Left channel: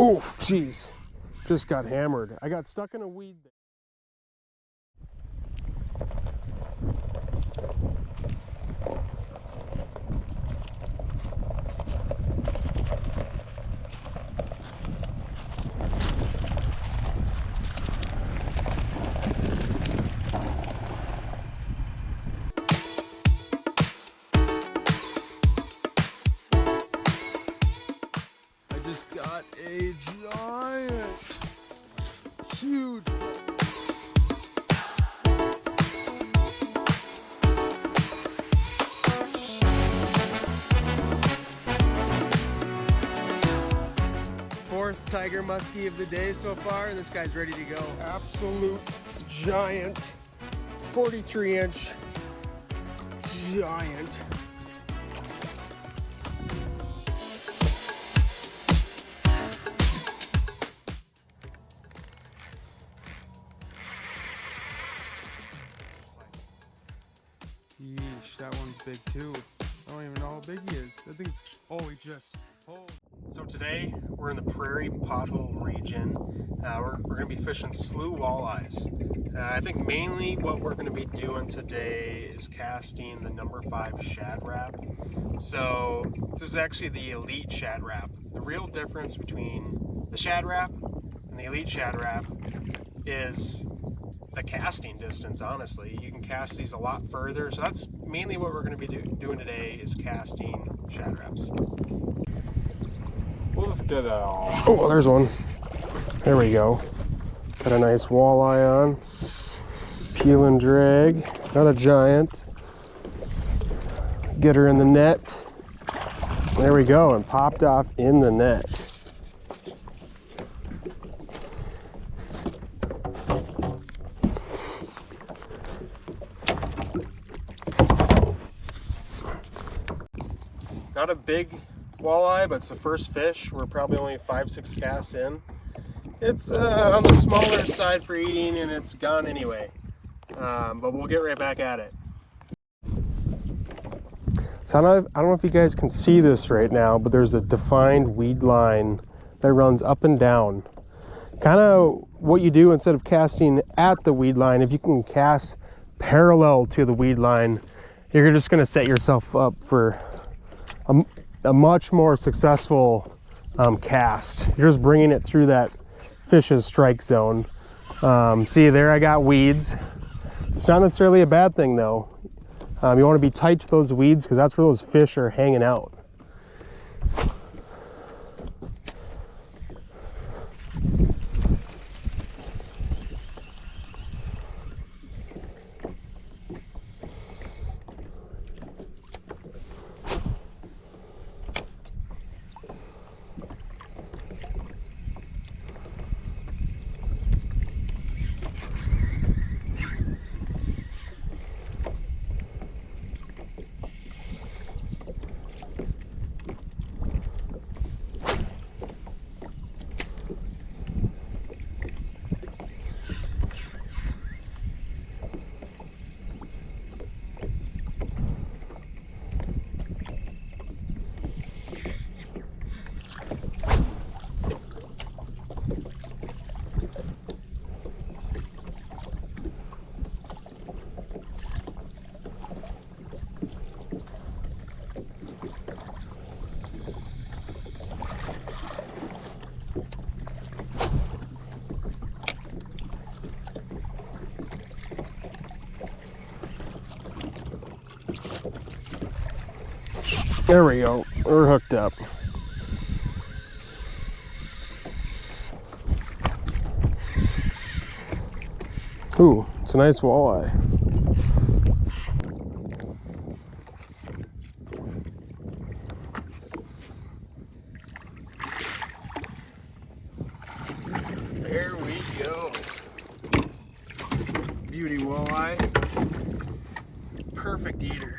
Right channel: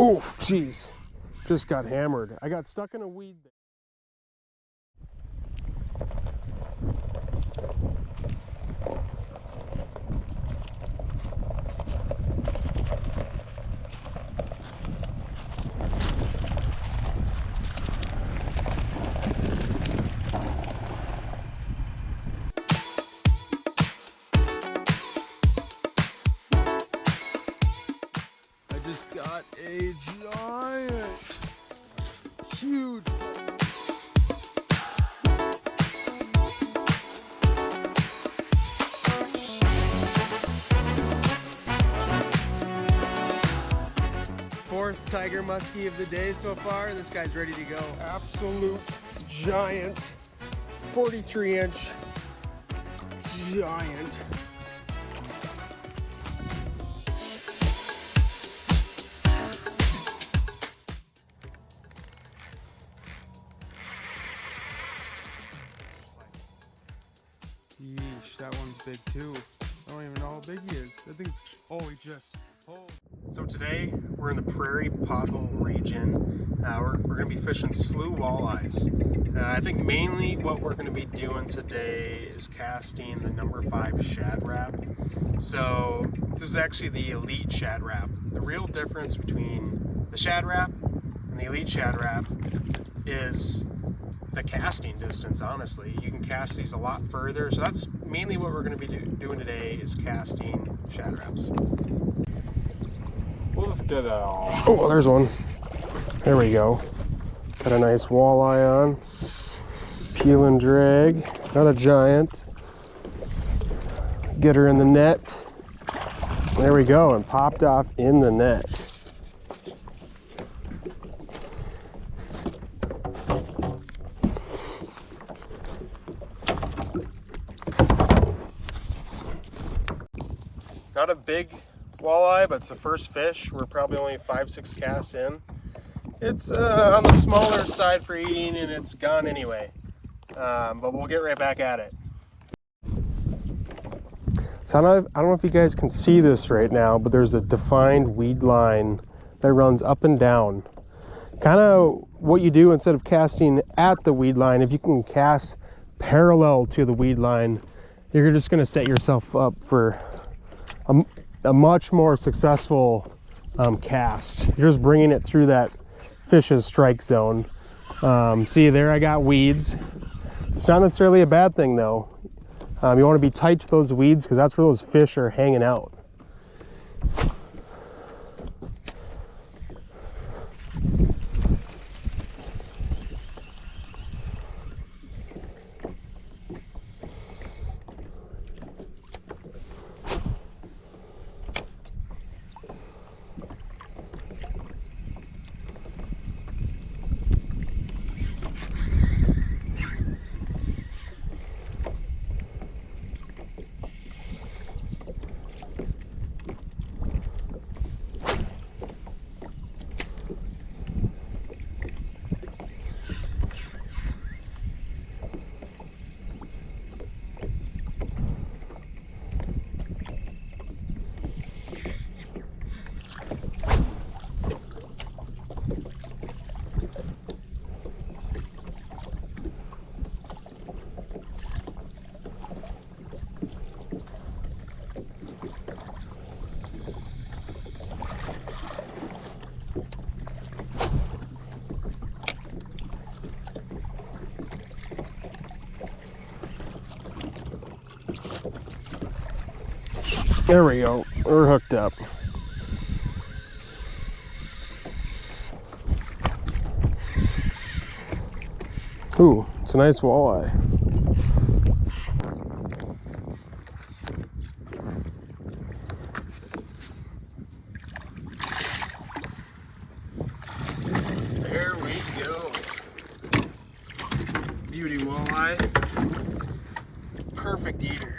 Oh, jeez. Just got hammered. I got stuck in a weed. Just got a giant, huge. Fourth tiger muskie of the day so far. This guy's ready to go. Absolute giant, 43-inch giant. Yeesh, that one's big too. I don't even know how big he is. That thing's, oh, he just, oh. So today we're in the prairie pothole region. We're going to be fishing slough walleyes. I think mainly what we're going to be doing today is casting the number 5 Shad Rap. So this is actually the elite Shad Rap. The real difference between the Shad Rap and the elite Shad Rap is the casting distance. Honestly, you can cast these a lot further, so that's mainly what we're going to be doing today, is casting Shad Raps. We'll just get Oh, there's one. There we go. Got a nice walleye on. Peel and drag. Not a giant. Get her in the net. There we go, and popped off in the net. Not a big walleye, but it's the first fish. We're probably only 5-6 casts in. It's on the smaller side for eating, and it's gone anyway. But we'll get right back at it. So I don't know if you guys can see this right now, but there's a defined weed line that runs up and down. Kind of what you do instead of casting at the weed line, if you can cast parallel to the weed line, you're just going to set yourself up for a much more successful cast. You're just bringing it through that fish's strike zone. See there, I got weeds. It's not necessarily a bad thing though. You want to be tight to those weeds because that's where those fish are hanging out. There we go, we're hooked up. Ooh, it's a nice walleye. There we go. Beauty walleye. Perfect eater.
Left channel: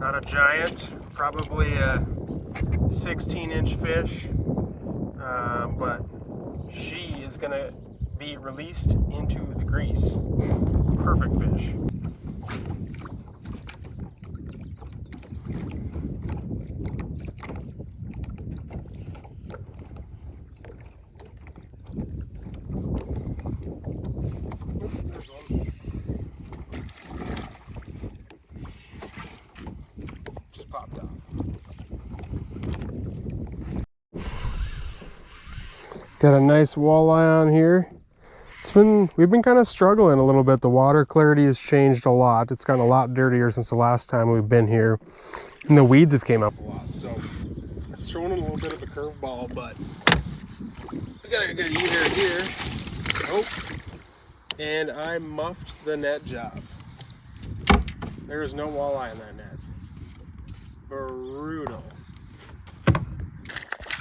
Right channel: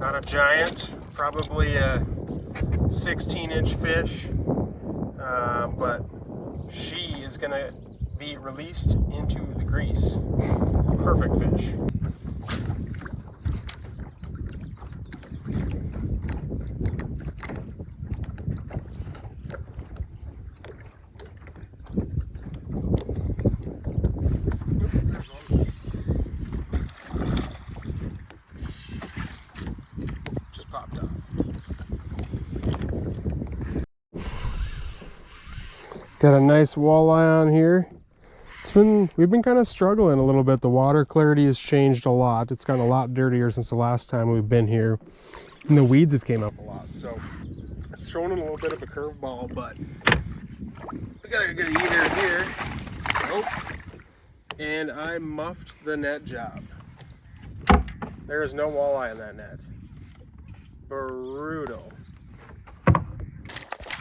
Not a giant, probably a 16-inch fish, but she is gonna be released into the grease. Perfect fish. popped off. Got a nice walleye on here. We've been kind of struggling a little bit. The water clarity has changed a lot. It's gotten a lot dirtier since the last time we've been here. And the weeds have came up a lot. So it's thrown in a little bit of a curveball, but we gotta get eater here. Oh, and I muffed the net job. There is no walleye in that net. Brutal.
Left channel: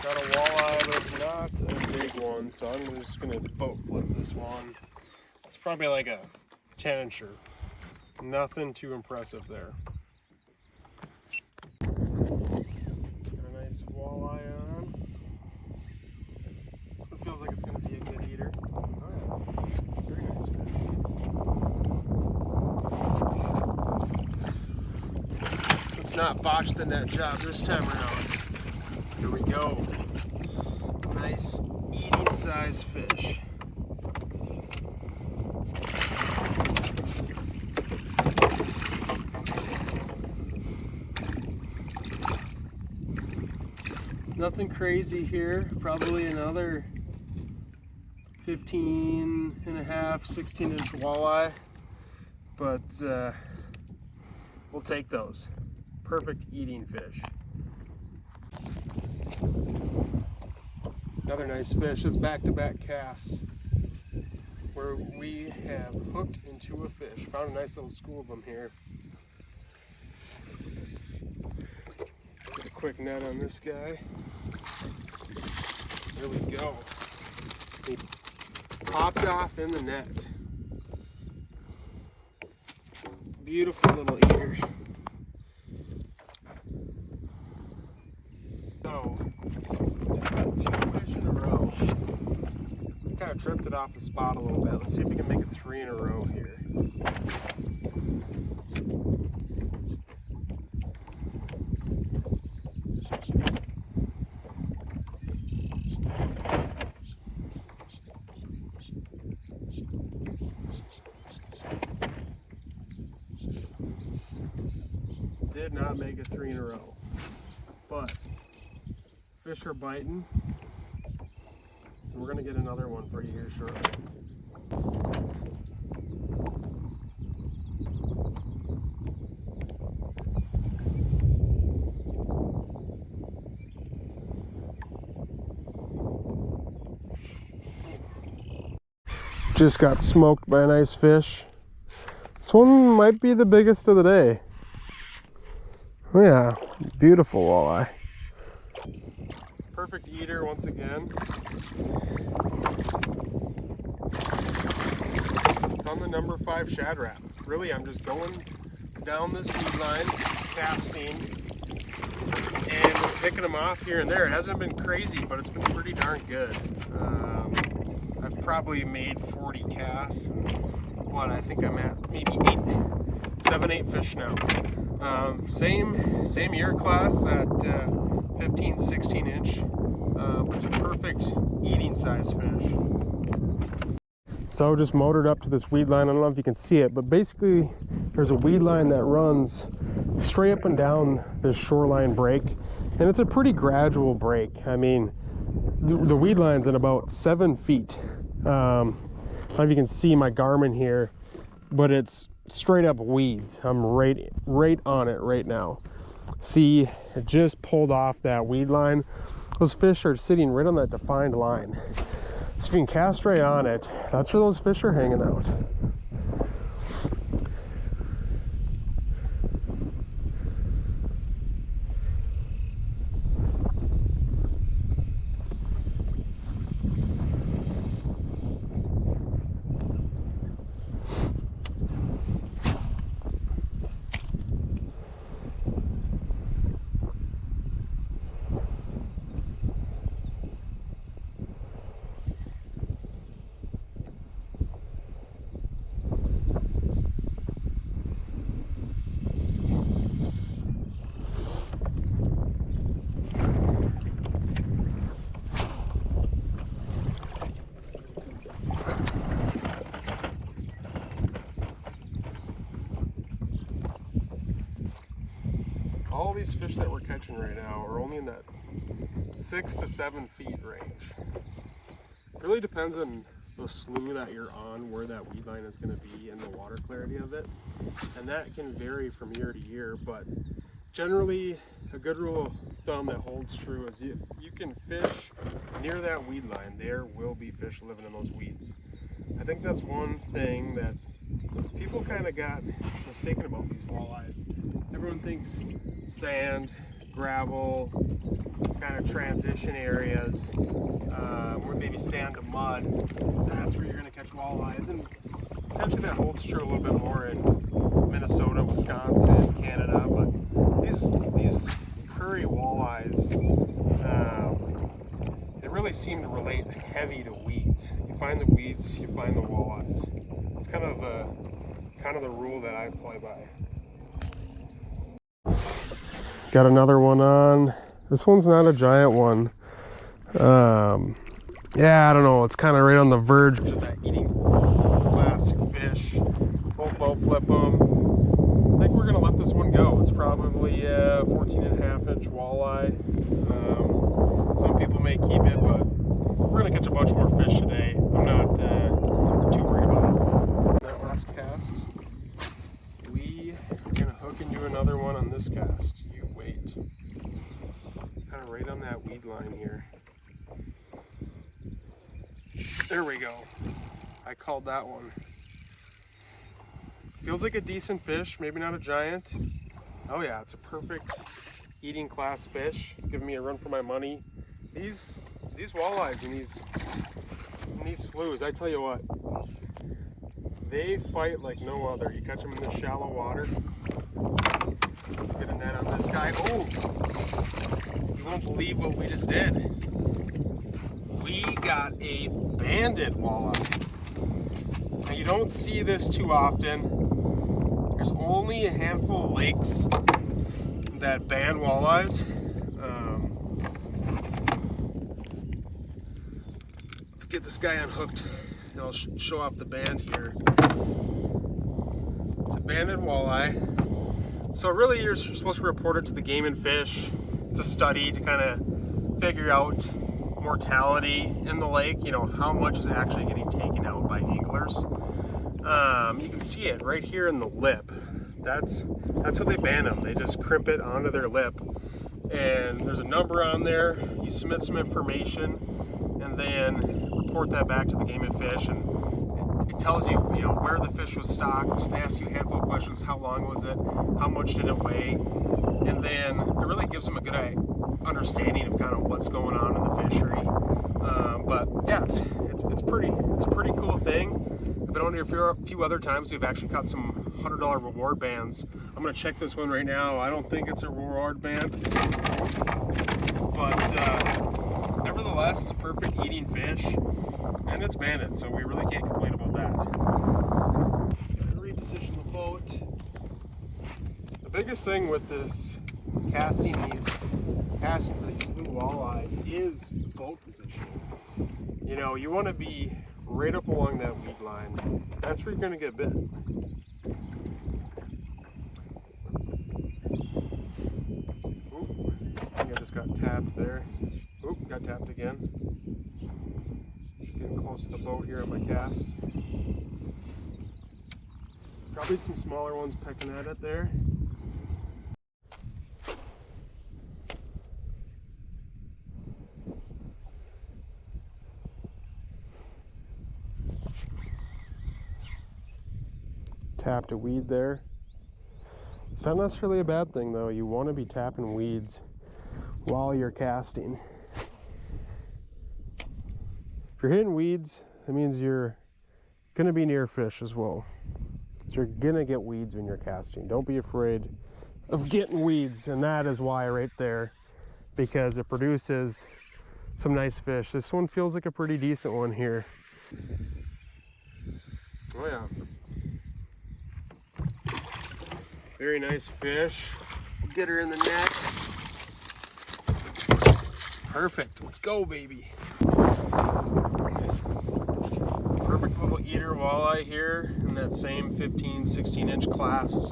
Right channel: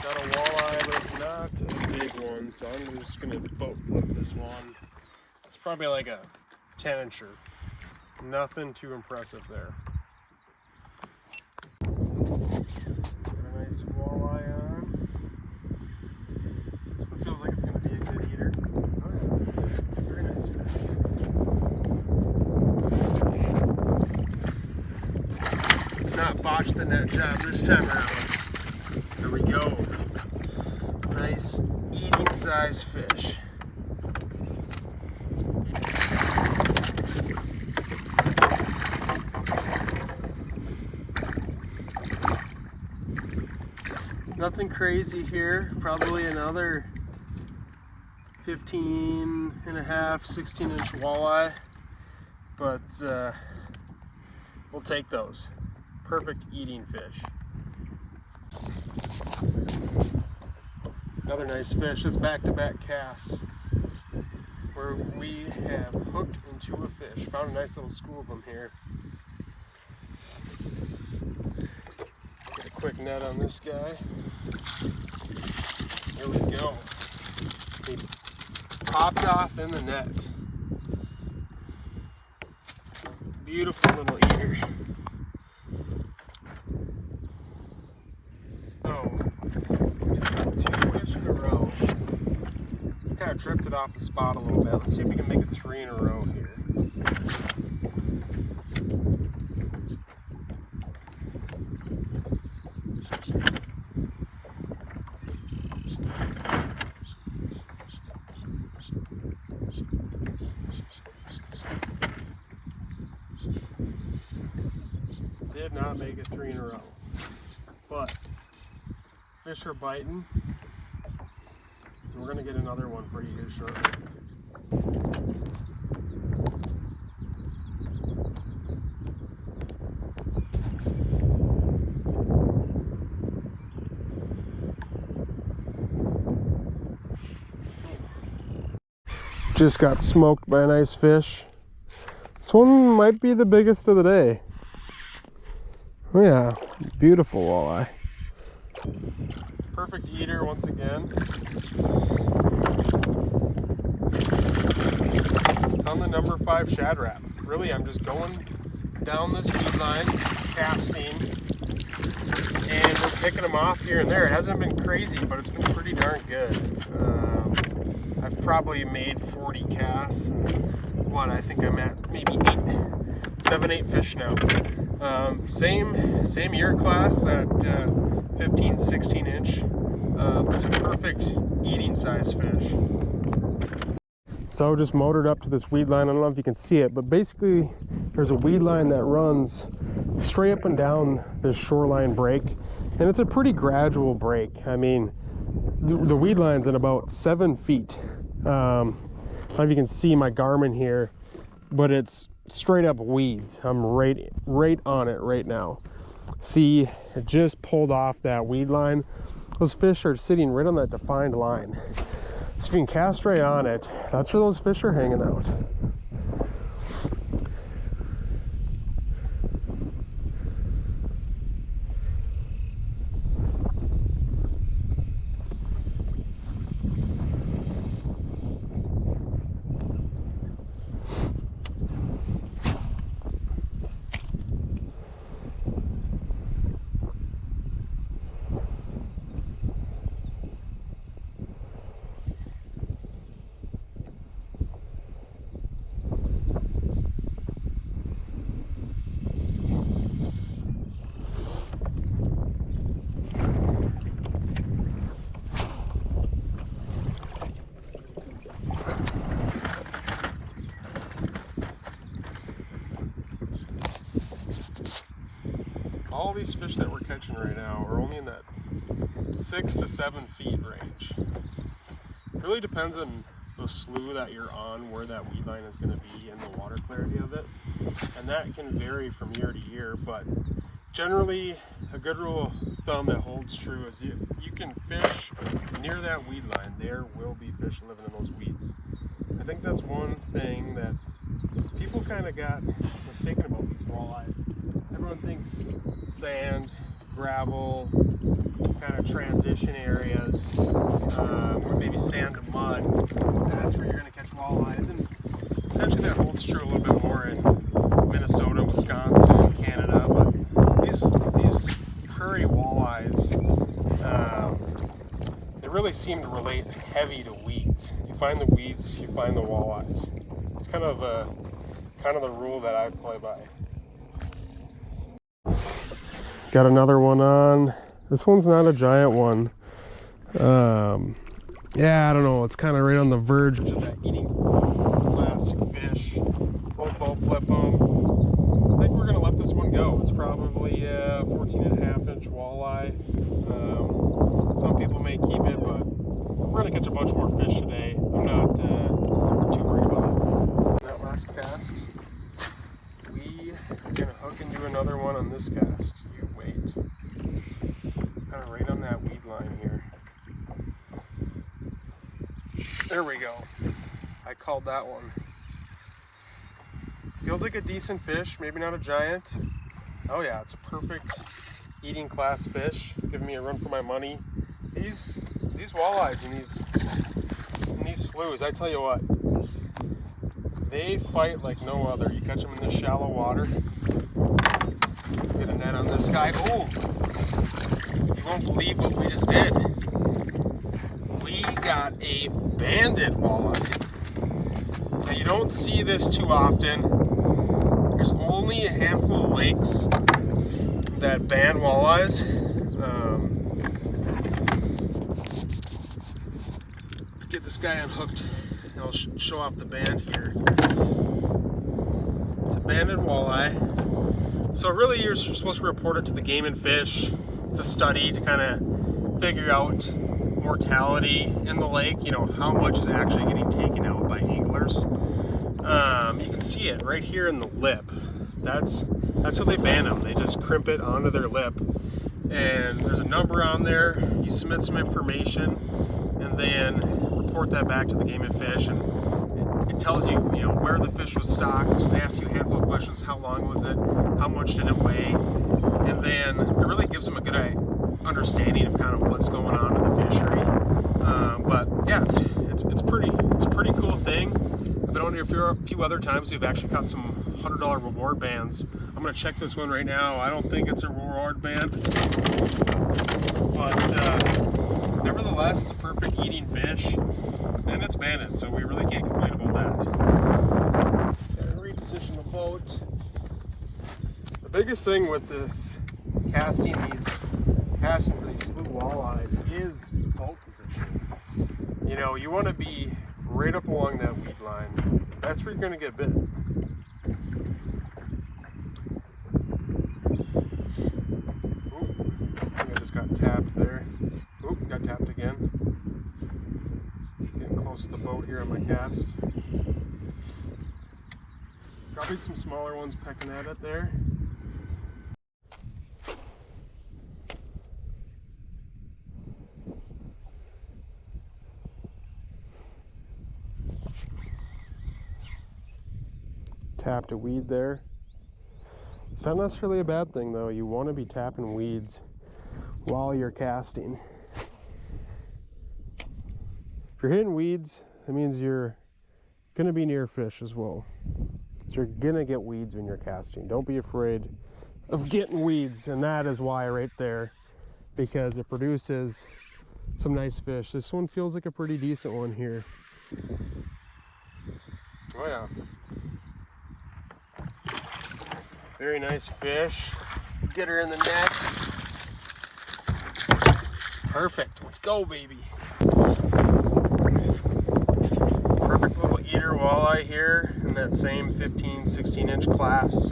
Got a walleye, but it's not a big one, so I'm just gonna boat flip this one. It's probably like a 10-incher. Nothing too impressive there. Got a nice walleye on. It feels like it's gonna be a good eater. Oh yeah, very nice fish. Let's not botch the net job this time around. There we go. Nice eating size fish. Nothing crazy here. Probably another 15 and a half, 16-inch walleye. But we'll take those. Perfect eating fish. Another nice fish. It's back-to-back casts where we have hooked into a fish. Found a nice little school of them here. Get a quick net on this guy. There we go. He popped off in the net. Beautiful little eater. Kind of drifted off the spot a little bit. Let's see if we can make it 3 in a row here. Did not make it 3 in a row, but fish are biting. We're going to get another one for you here shortly. Just got smoked by a nice fish. This one might be the biggest of the day. Oh yeah, beautiful walleye. Perfect eater once again. It's on the number 5 Shad Rap. Really, I'm just going down this weed line, casting, and we're picking them off here and there. It hasn't been crazy, but it's been pretty darn good. I've probably made 40 casts, and I think I'm at maybe 7, 8 fish now. Same year class, that 15, 16 inch. It's a perfect eating size fish. So just motored up to this weed line. I don't know if you can see it, but basically there's a weed line that runs straight up and down this shoreline break, and it's a pretty gradual break. I mean, the weed line's at about 7 feet. I don't know if you can see my Garmin here, but it's straight up weeds. I'm right on it right now. See, it just pulled off that weed line. Those fish are sitting right on that defined line. So if you can cast right on it, that's where those fish are hanging out. all these fish that we're catching right now are only in that 6 to 7 feet range. It really depends on the slough that you're on, where that weed line is going to be and the water clarity of it. And that can vary from year to year, but generally a good rule of thumb that holds true is if you can fish near that weed line, there will be fish living in those weeds. I think that's one thing that people kind of got mistaken about these walleyes. Everyone thinks sand, gravel, kind of transition areas, or maybe sand to mud, that's where you're going to catch walleyes. And potentially that holds true a little bit more in Minnesota, Wisconsin, Canada, but these prairie walleyes, they really seem to relate heavy to weeds. You find the weeds, you find the walleyes. It's kind of the rule that I play by. Got another one on. This one's not a giant one. Yeah, I don't know. It's kind of right on the verge of that eating class fish. Won't boat flip them. I think we're gonna let this one go. It's probably a 14.5-inch walleye. Some people may keep it, but we're gonna catch a bunch more fish today. I'm not too worried about it. That last cast, we are gonna hook into another one on this cast. You wait. Kind of right on that weed line here. There we go. I called that one. Feels like a decent fish, maybe not a giant. Oh yeah, it's a perfect eating class fish. Giving me a run for my money. These walleyes and these sloughs, I tell you what, they fight like no other. You catch them in this shallow water. Get a net on this guy. Oh, you won't believe what we just did. We got a banded walleye. Now you don't see this too often. There's only a handful of lakes that ban walleyes. Let's get this guy unhooked and I'll show off the band here. It's a banded walleye. So really you're supposed to report it to the Game and Fish. It's a study to kind of figure out mortality in the lake, you know, how much is actually getting taken out by anglers. You can see it right here in the lip. That's how they ban them. They just crimp it onto their lip, and there's a number on there. You submit some information and then report that back to the Game and Fish, and it tells you, you know, where the fish was stocked. They ask you a handful of questions. How long was it? How much did it weigh? And then it really gives them a good understanding of kind of what's going on in the fishery. But yeah, it's a pretty cool thing. I've been on here a few other times. We've actually caught some $100 reward bands. I'm gonna check this one right now. I don't think it's a reward band, but nevertheless, it's a perfect eating fish, and it's banded, so we really can't complain about that. Gotta reposition the boat. The biggest thing with this casting for these slough walleyes is the boat position. You know, you want to be right up along that weed line. That's where you're going to get bit. Oop, I think I just got tapped there. Oop, got tapped again. Getting close to the boat here on my cast. Probably some smaller ones pecking at it there. Tapped a weed there. It's not necessarily a bad thing though. You want to be tapping weeds while you're casting. If you're hitting weeds, that means you're going to be near fish as well. So you're going to get weeds when you're casting. Don't be afraid of getting weeds, and that is why right there, because it produces some nice fish. This one feels like a pretty decent one here. Oh yeah. Very nice fish. Get her in the net. Perfect. Let's go, baby. Perfect little eater walleye here in that same 15, 16-inch class.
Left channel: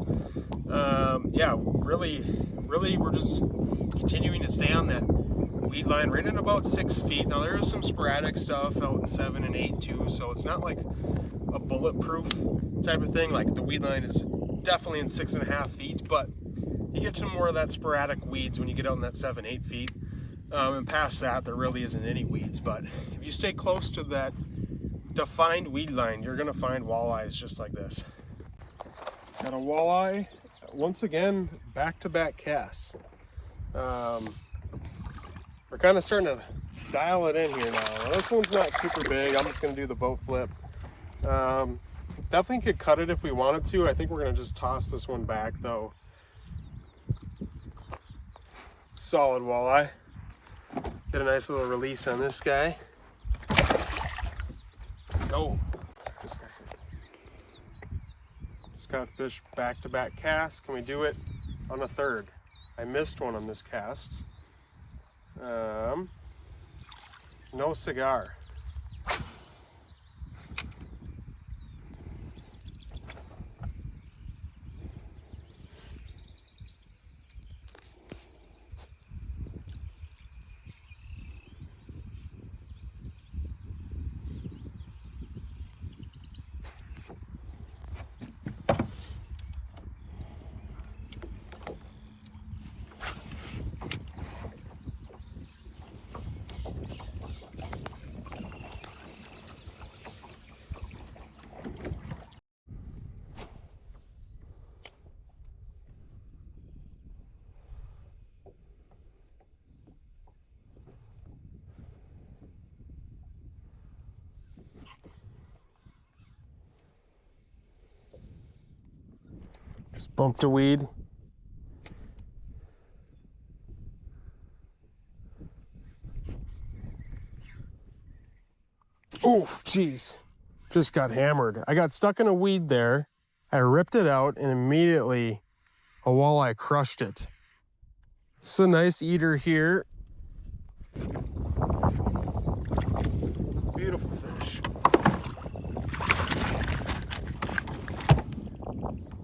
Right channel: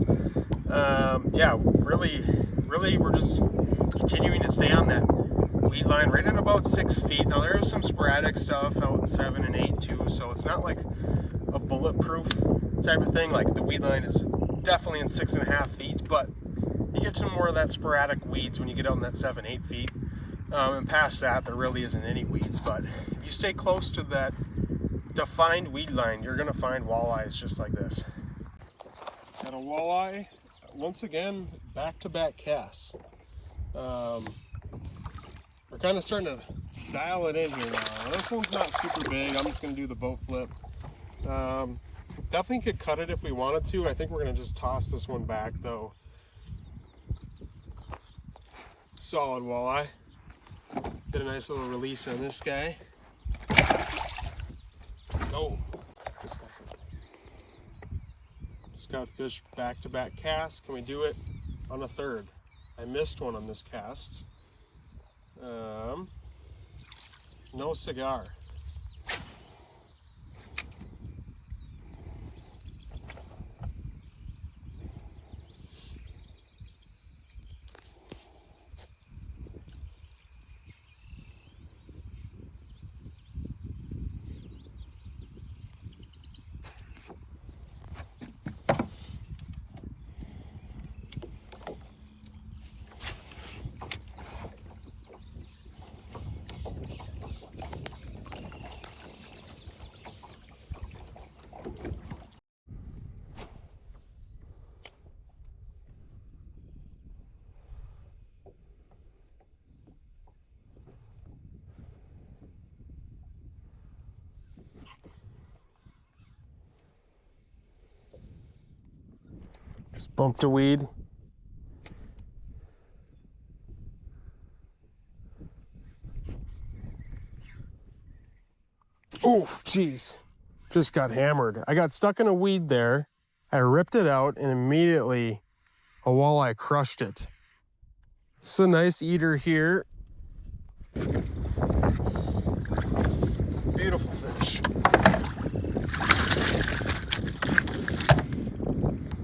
Yeah, really, we're just continuing to stay on that weed line right at about 6 feet. Now there is some sporadic stuff out in 7 and 8 too, so it's not like a bulletproof type of thing. Like the weed line is definitely in 6.5 feet, but you get to more of that sporadic weeds when you get out in that 7, 8 feet. And past that, there really isn't any weeds. But if you stay close to that defined weed line, you're gonna find walleyes just like this. Got a walleye, once again, back-to-back casts. We're kind of starting to dial it in here now. This one's not super big. I'm just gonna do the boat flip. Definitely could cut it if we wanted to. I think we're gonna just toss this one back though. Solid walleye. Get a nice little release on this guy. Let's go. Just got fish back-to-back casts. Can we do it on a third? I missed one on this cast. No cigar. Just bumped a weed. Oh, jeez. Just got hammered. I got stuck in a weed there. I ripped it out and immediately a walleye crushed it. It's a nice eater here. Beautiful fish.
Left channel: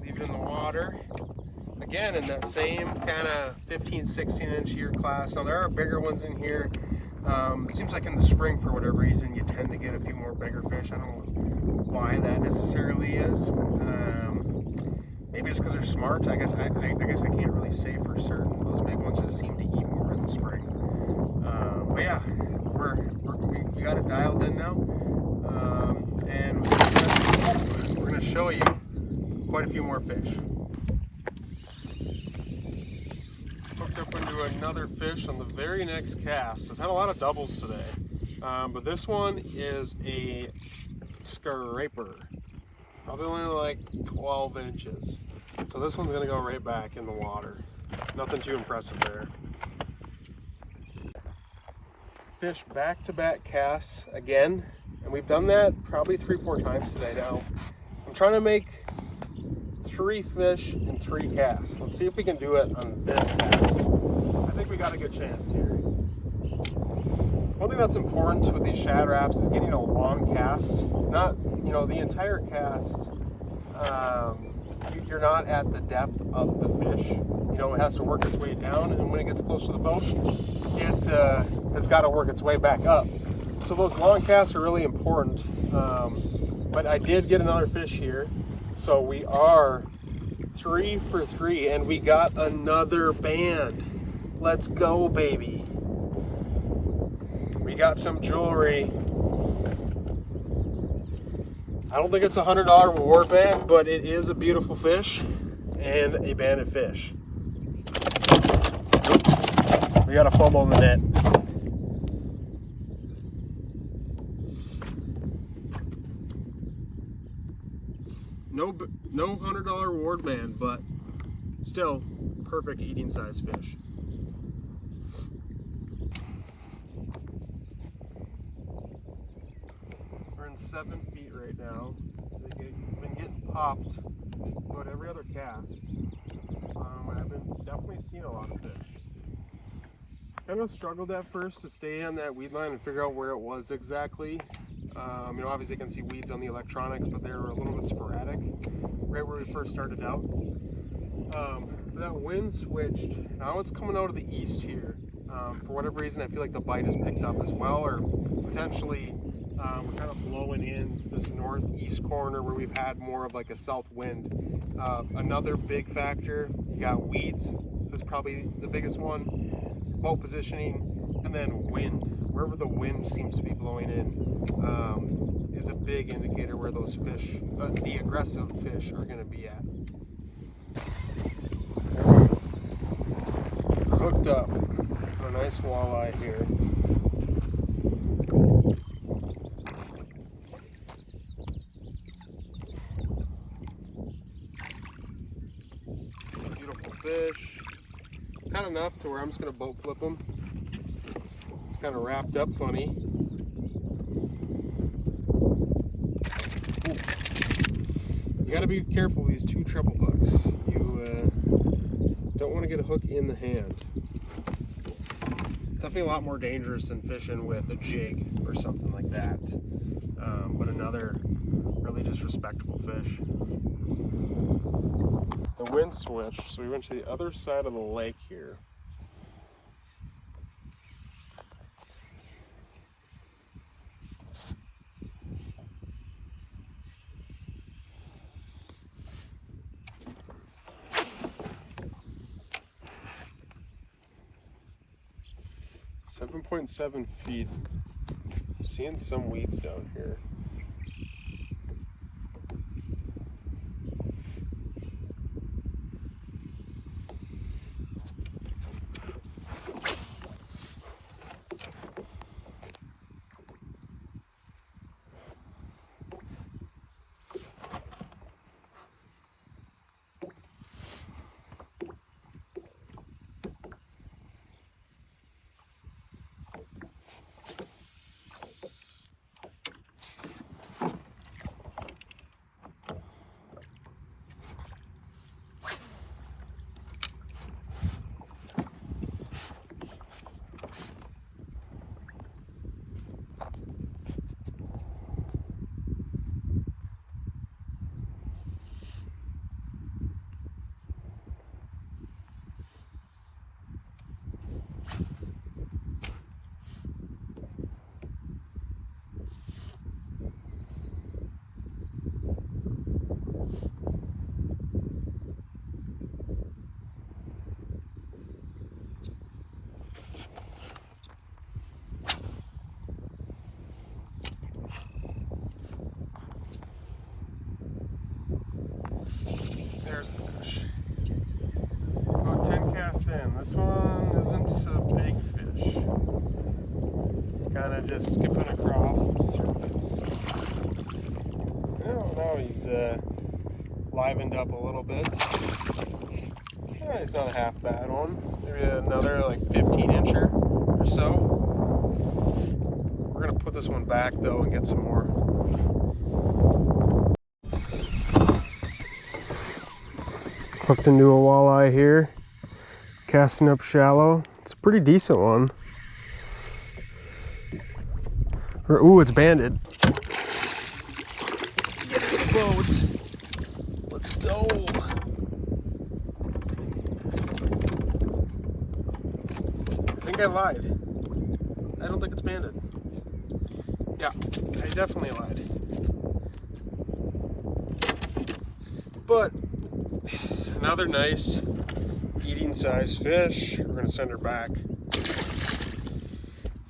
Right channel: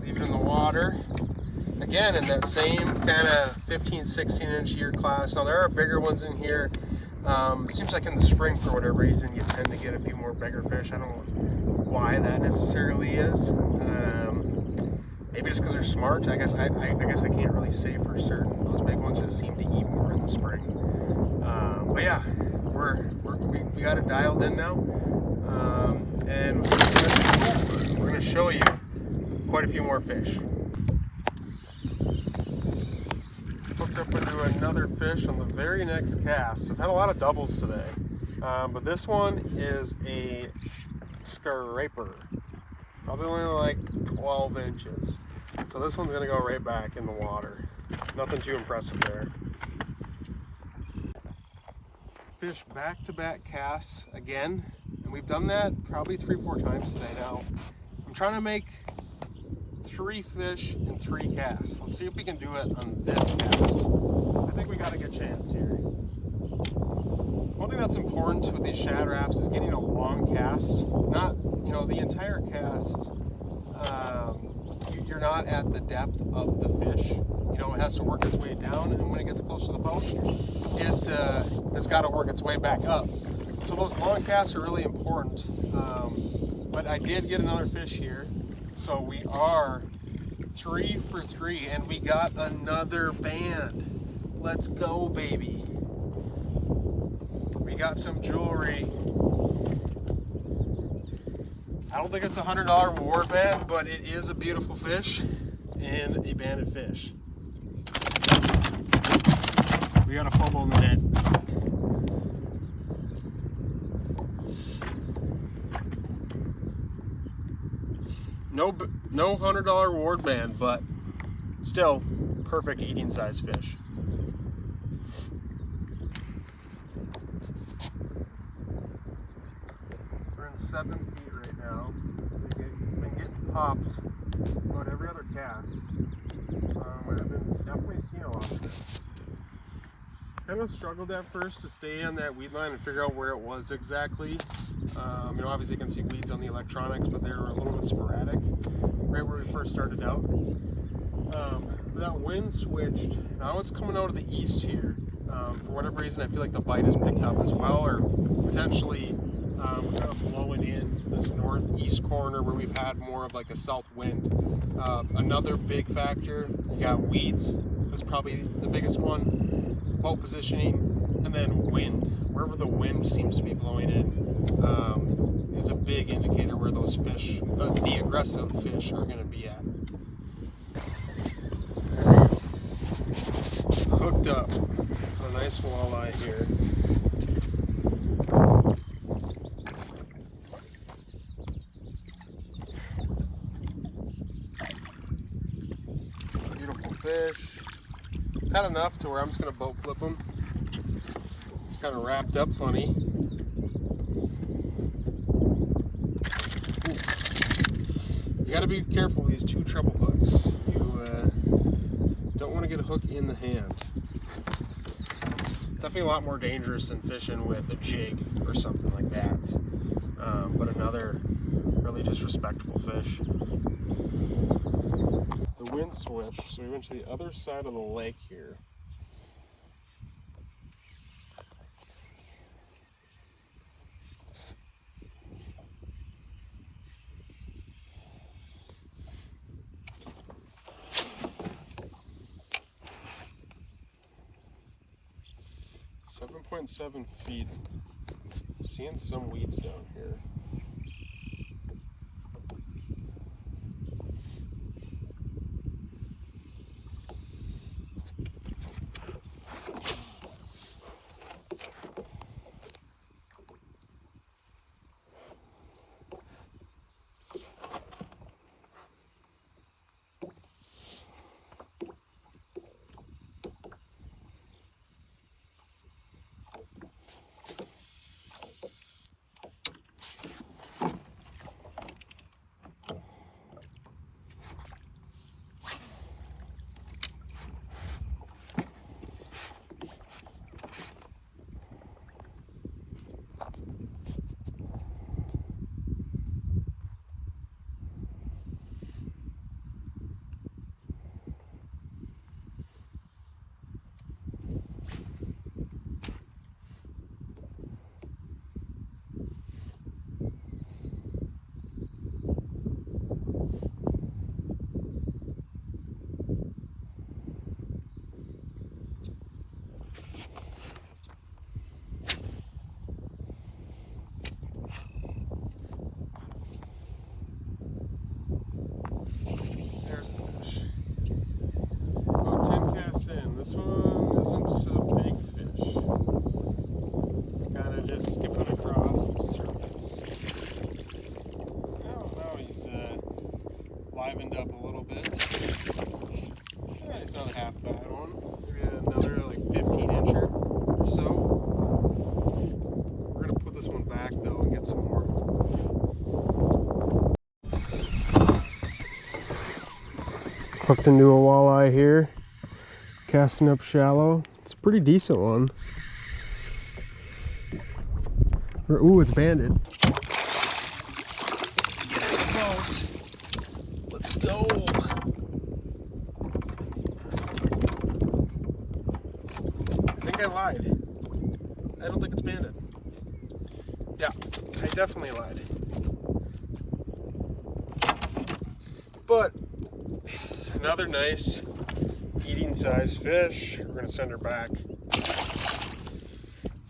Leave it in the water. Again, in that same kind of 15, 16 inch year class. Now there are bigger ones in here. Seems like in the spring, for whatever reason, you tend to get a few more bigger fish. I don't know why that necessarily is. Maybe it's because they're smart. I guess I can't really say for certain. Those big ones just seem to eat more in the spring. But yeah, we got it dialed in now, and we're gonna show you quite a few more fish. Hooked up into another fish on the very next cast. I've had a lot of doubles today, but this one is a scraper, probably only like 12 inches. So this one's gonna go right back in the water. Nothing too impressive there. Fish back-to-back casts again, and we've done that probably 3-4 times today now. I'm trying to make 3 fish in 3 casts. Let's see if we can do it on this cast. I think we got a good chance here. One thing that's important with these shad wraps is getting a long cast. Not, the entire cast, you're not at the depth of the fish. It has to work its way down, and when it gets close to the boat, it has got to work its way back up. So those long casts are really important. But I did get another fish here. So we are 3 for 3, and we got another band. Let's go, baby. We got some jewelry. I don't think it's a $100 reward band, but it is a beautiful fish and a banded fish. We got a fumble in the net. No $100 reward band, but still perfect eating size fish. We're in 7 feet right now. We've been getting popped about every other cast. I've been definitely seeing a lot of fish. Kind of struggled at first to stay on that weed line and figure out where it was exactly. Obviously you can see weeds on the electronics, but they were a little bit sporadic right where we first started out. That wind switched. Now it's coming out of the east here. For whatever reason, I feel like the bite has picked up as well, or potentially we're kind of blowing in this northeast corner where we've had more of like a south wind. Another big factor, you got weeds. That's probably the biggest one. Boat positioning, and then wind. Wherever the wind seems to be blowing in is a big indicator where those fish, the aggressive fish, are going to be at. Hooked up on a nice walleye here. Beautiful fish. Had enough to where I'm just going to boat flip him. It's kind of wrapped up funny. Ooh. You got to be careful with these two treble hooks. You don't want to get a hook in the hand. Definitely a lot more dangerous than fishing with a jig or something like that. But another really just respectable fish. The wind switched, so we went to the other side of the lake here. .7 feet. Seeing some weeds down here. There's the fish. About 10 casts in. This one isn't a big fish. It's kind of just skipping across the surface. Oh, now he's livened up a little bit. Oh, he's not a half bad one. Maybe another like 15-incher or so. We're gonna put this one back though and get some more. Hooked into a walleye here, casting up shallow. It's a pretty decent one. Ooh, it's banded. Boat. Let's go. I think I lied. I don't think it's banded. Yeah, I definitely lied. But another nice eating sized fish. We're gonna send her back.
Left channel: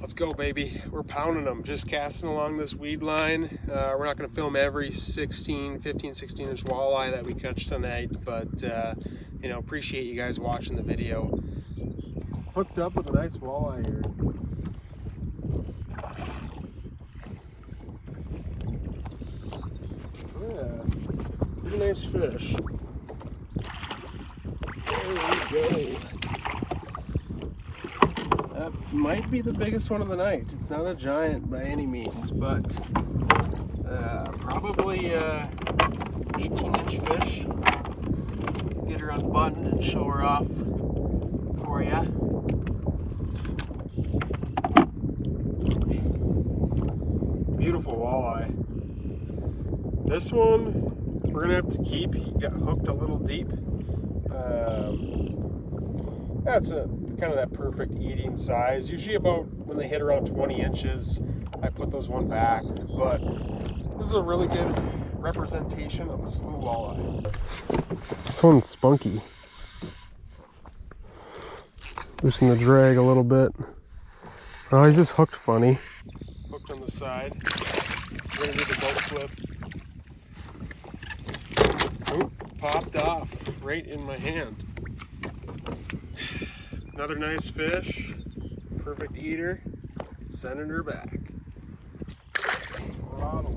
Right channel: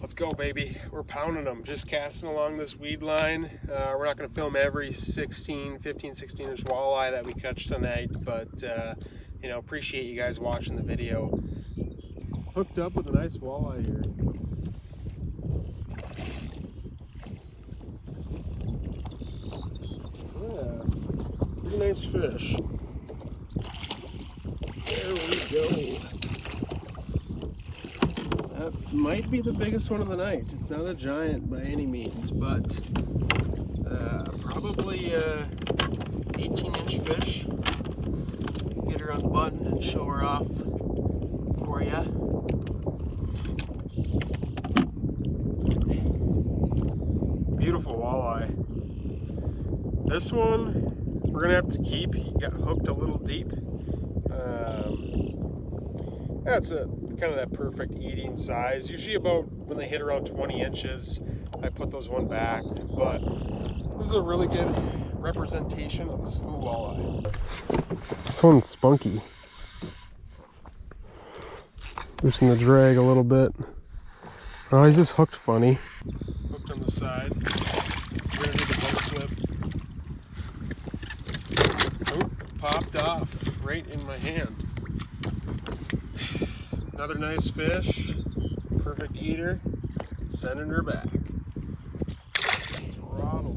Let's go, baby. We're pounding them, just casting along this weed line. We're not gonna film every 15, 16-inch walleye that we catch tonight, but you know, appreciate you guys watching the video. Hooked up with a nice walleye here. Oh yeah, pretty nice fish. There we go. That might be the biggest one of the night. It's not a giant by any means, but probably 18-inch fish. Get her unbuttoned and show her off for ya. Beautiful walleye. This one we're gonna have to keep. He got hooked a little deep. That's kind of that perfect eating size. Usually about when they hit around 20 inches, I put those one back. But this is a really good representation of a slew walleye. This one's spunky. Loosen the drag a little bit. Oh, he's just hooked funny. Hooked on the side. We're gonna do the boat flip. Oh, popped off right in my hand. Another nice fish. Perfect eater. Sending her back. Throttle.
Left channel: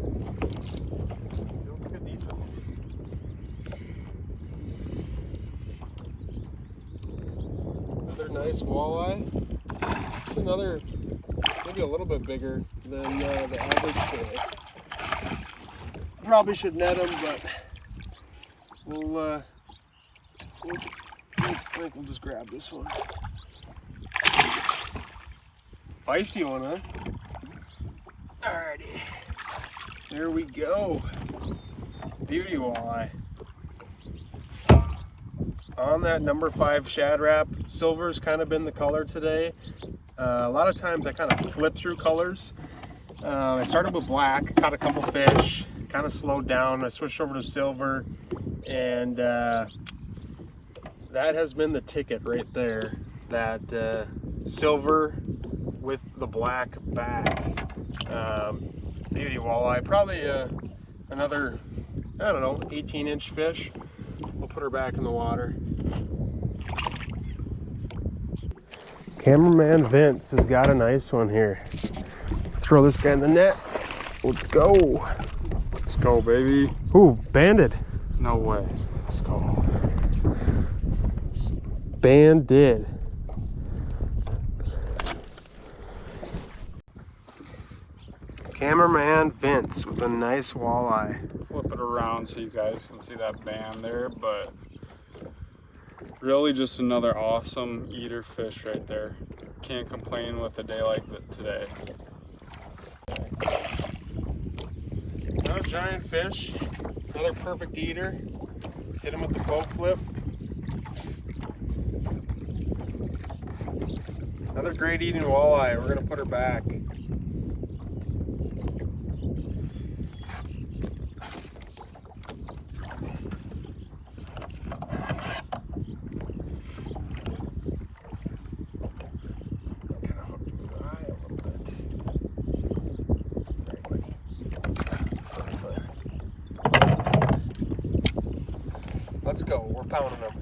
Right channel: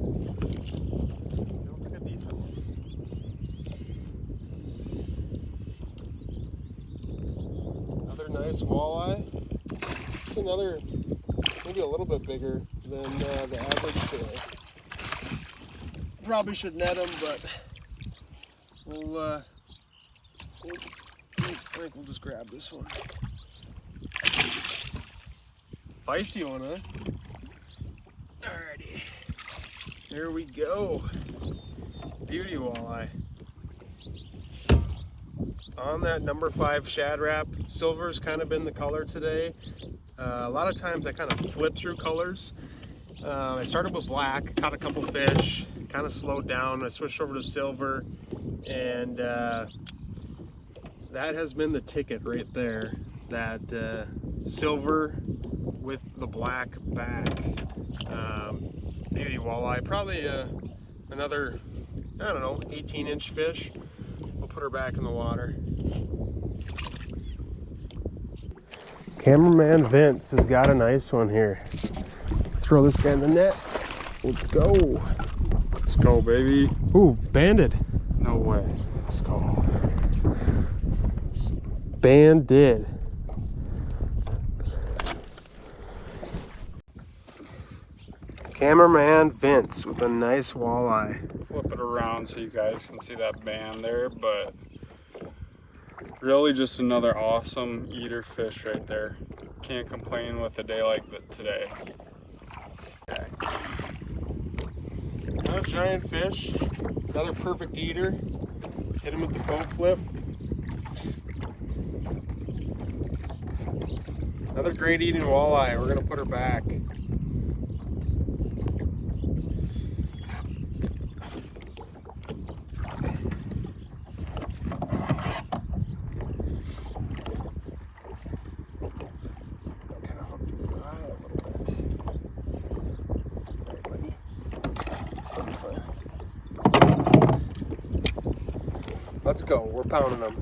Feels like a decent one. Another nice walleye. It's another, maybe a little bit bigger than the average fish. Probably should net them, but I think we'll just grab this one. Feisty one, huh? Alrighty. There we go. Beauty walleye. On that number 5 Shad Rap. Silver's kind of been the color today. A lot of times I kind of flip through colors. I started with black, caught a couple fish, kind of slowed down. I switched over to silver, and that has been the ticket right there. That silver with the black back. Beauty walleye. Probably another, I don't know, 18-inch fish. We'll put her back in the water. Cameraman Vince has got a nice one here. Throw this guy in the net. Let's go. Let's go, baby. Ooh, banded. No way. Let's go. Banded. Cameraman Vince with a nice walleye. Flip it around so you guys can see that band there, but really just another awesome eater fish right there. Can't complain with a day like today. Another giant fish. Another perfect eater. Hit him with the boat flip. Another great eating walleye. We're gonna put her back. Let's go, we're pounding them.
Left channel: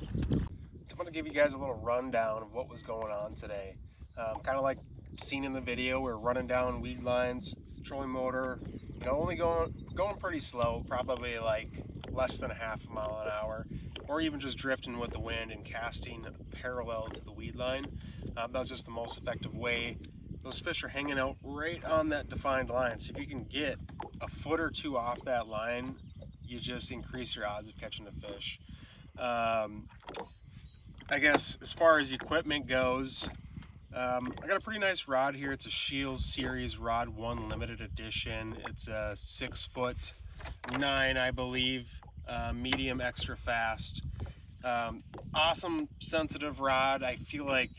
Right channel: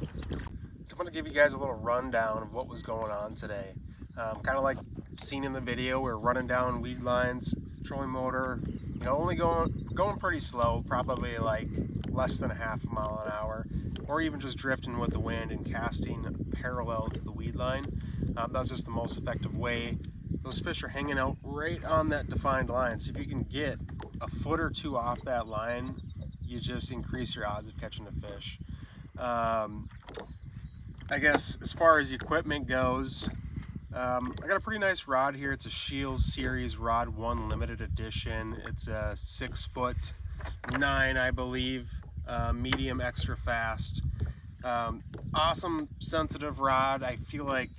So I'm gonna give you guys a little rundown of what was going on today. Kind of like seen in the video, we're running down weed lines, trolling motor, you know, only going pretty slow, probably like less than a half a mile an hour, or even just drifting with the wind and casting parallel to the weed line. That's just the most effective way. Those fish are hanging out right on that defined line, so if you can get a foot or two off that line, you just increase your odds of catching the fish. I guess as far as equipment goes, I got a pretty nice rod here. It's a Shields Series Rod 1 limited edition. It's a 6'9", I believe, medium extra fast. Awesome sensitive rod. I feel like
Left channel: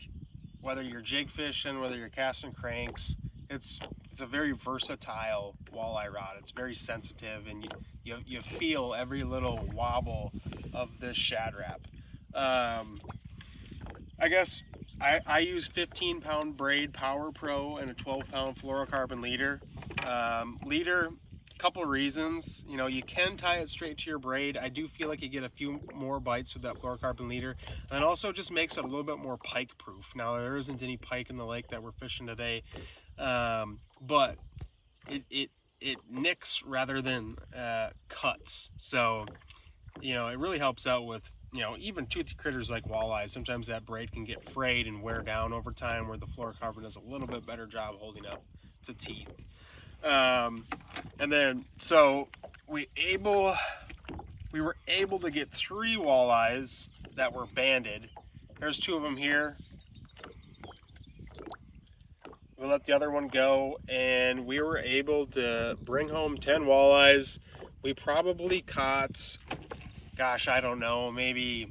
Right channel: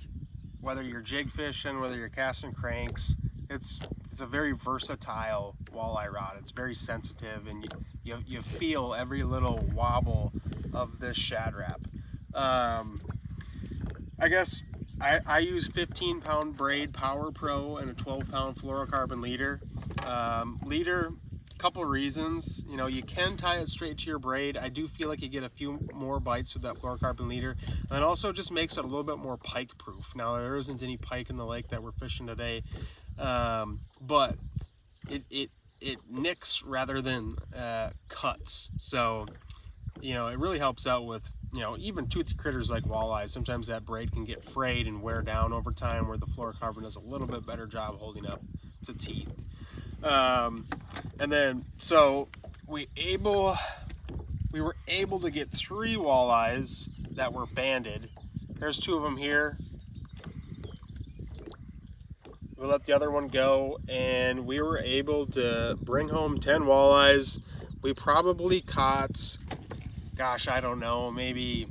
whether you're jig fishing, whether you're casting cranks, it's a very versatile walleye rod. It's very sensitive, and you feel every little wobble of this Shad Rap. I guess I use 15-pound braid Power Pro and a 12-pound fluorocarbon leader. Leader, couple reasons. You know, you can tie it straight to your braid. I do feel like you get a few more bites with that fluorocarbon leader, and it also just makes it a little bit more pike proof. Now there isn't any pike in the lake that we're fishing today, but it nicks rather than cuts. So, you know, it really helps out with, you know, even toothy critters like walleyes. Sometimes that braid can get frayed and wear down over time, where the fluorocarbon does a little bit better job holding up to teeth. And then, so we were able to get 3 walleyes that were banded. There's 2 of them here. We let the other one go, and we were able to bring home 10 walleyes. We probably caught, gosh, I don't know, maybe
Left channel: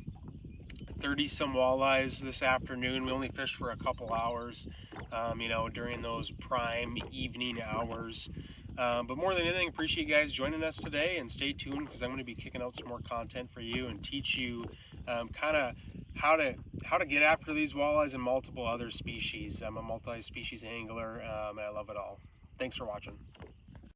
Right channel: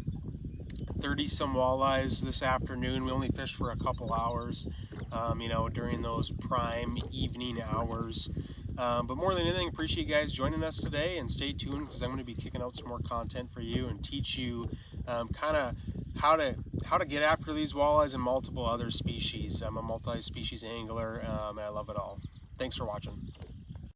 30 some walleyes this afternoon. We only fished for a couple hours, you know, during those prime evening hours. But more than anything, appreciate you guys joining us today, and stay tuned because I'm going to be kicking out some more content for you and teach you kind of how to get after these walleyes and multiple other species. I'm a multi-species angler, and I love it all. Thanks for watching.